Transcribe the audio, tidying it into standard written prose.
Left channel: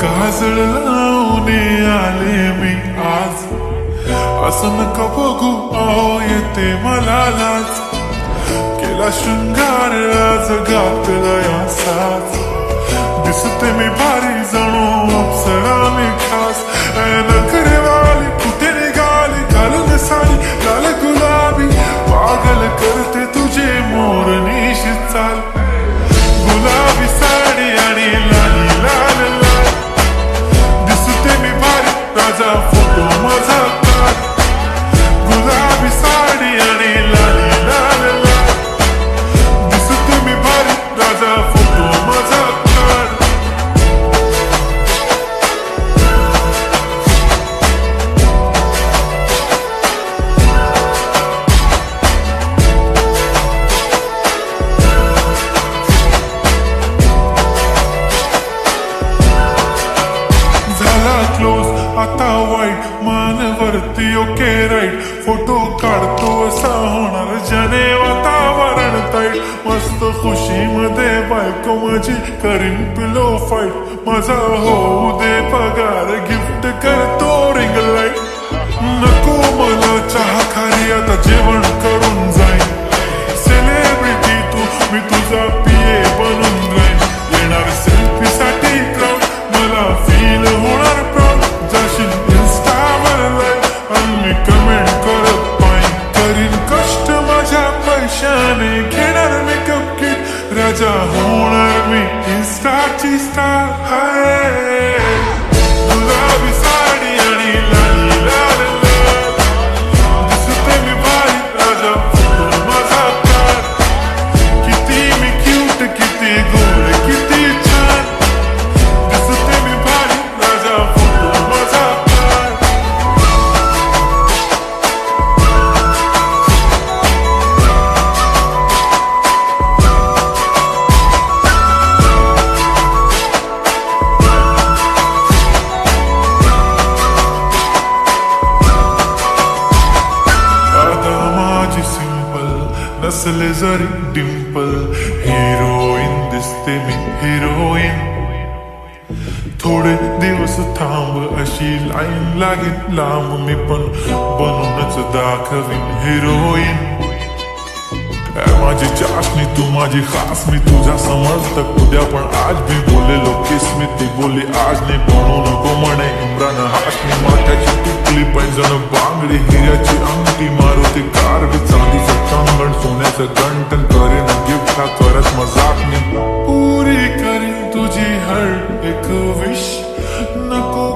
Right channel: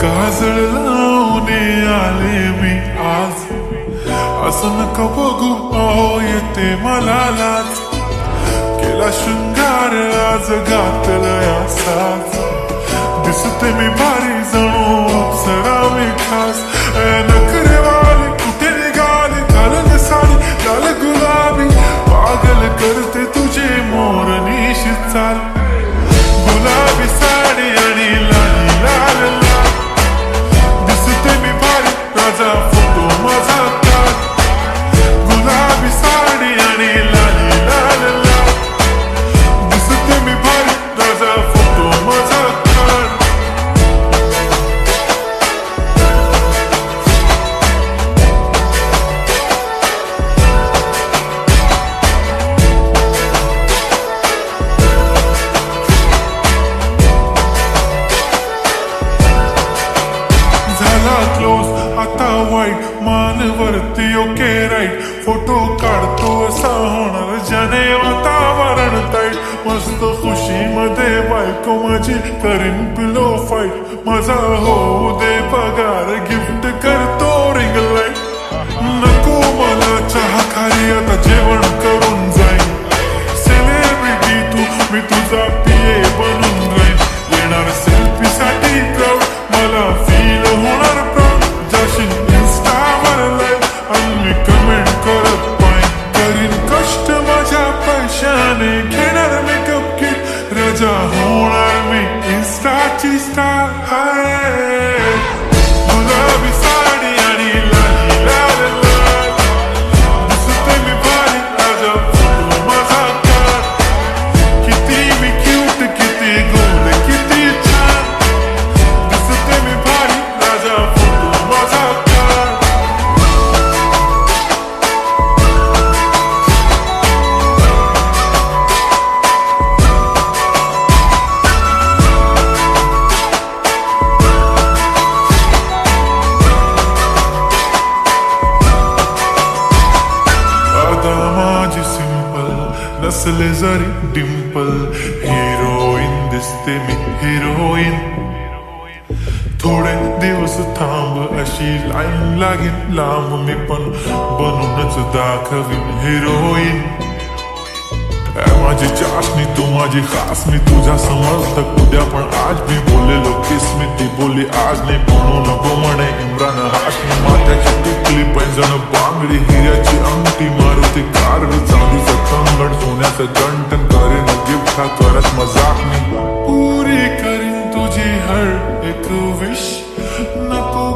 काजळ लावून आले मी आज, असं नका बघू अहो येते मला लाज. केला शृंगार आज घातलाय असाच, दिसते मी भारी जणू अप्सरा मी खास. नखरेवाली कुठे निघाली घालून साडी लाल गुलाबी, पागल करते तुझे मोरनीशी चाल. गुलाबी साडी आणि लाली लाल लाल, दिसते मी भारी राजा फोटो माझा काढ. गुलाबी साडी आणि लाली लाल लाल, दिसते मी भारी राजा फोटो माझा काढ. झाला क्लोज आता वाईट, मानवरती ओके राईट. फोटो काढतो असा होणार ज्याने वातावरण ताईट. मस्त खुशी मध्ये बायको माझी करीन पिलो फाईट. माझा होऊ दे पगार गिफ्ट करतो रिंग लाईट. नको मला चहा खारी आता जेवण करून जाईन. सेलिब्रिटी तू मी तुझा पिये बनून राहीन. येणार सेल्फी साठी क्राऊड मला फील होणार प्राऊड. जाशील इन्स्टावर लाईव्ह आणि मी कमेंट करत पाईन. करीन कष्ट माझ्या पैशाने घेणार मेकअप किट. राजा होणार मी इन्स्टाची स्टार. हाय गुलाबी साडी आणि लाली लाल लाल, दिसते मी भारी राजा फोटो माझा काढ. किती मी क्यूट किती गोड किती छान, दिसते मी भारी राजा फोटो माझा काढ. आता माझी सिंपल नसले जरी डिंपल, हिरोईन दिसते मी हिरोईन. थोडे दिवस थांब अशी लाईन लागेल लांब, मी पण बनूनच दाखवीन हिरोईन. माझी चाशनी तू माझी खास, मी तुझ्या समर्थक उद्या पण आज मी बोललेलो किस मी. ती बोलली आज नाही म्हणू नको म्हणे इम्रान हाशमी. माथ्याची टिकली पैंजण बांगडी हिऱ्याची अंगठी, मारुती कारवी चांदीचं कंगण सोन्याचं गंटन. करीन गिफ्ट हा करत मजाक मी, पुरी करीन तुझी हर एक विश. नको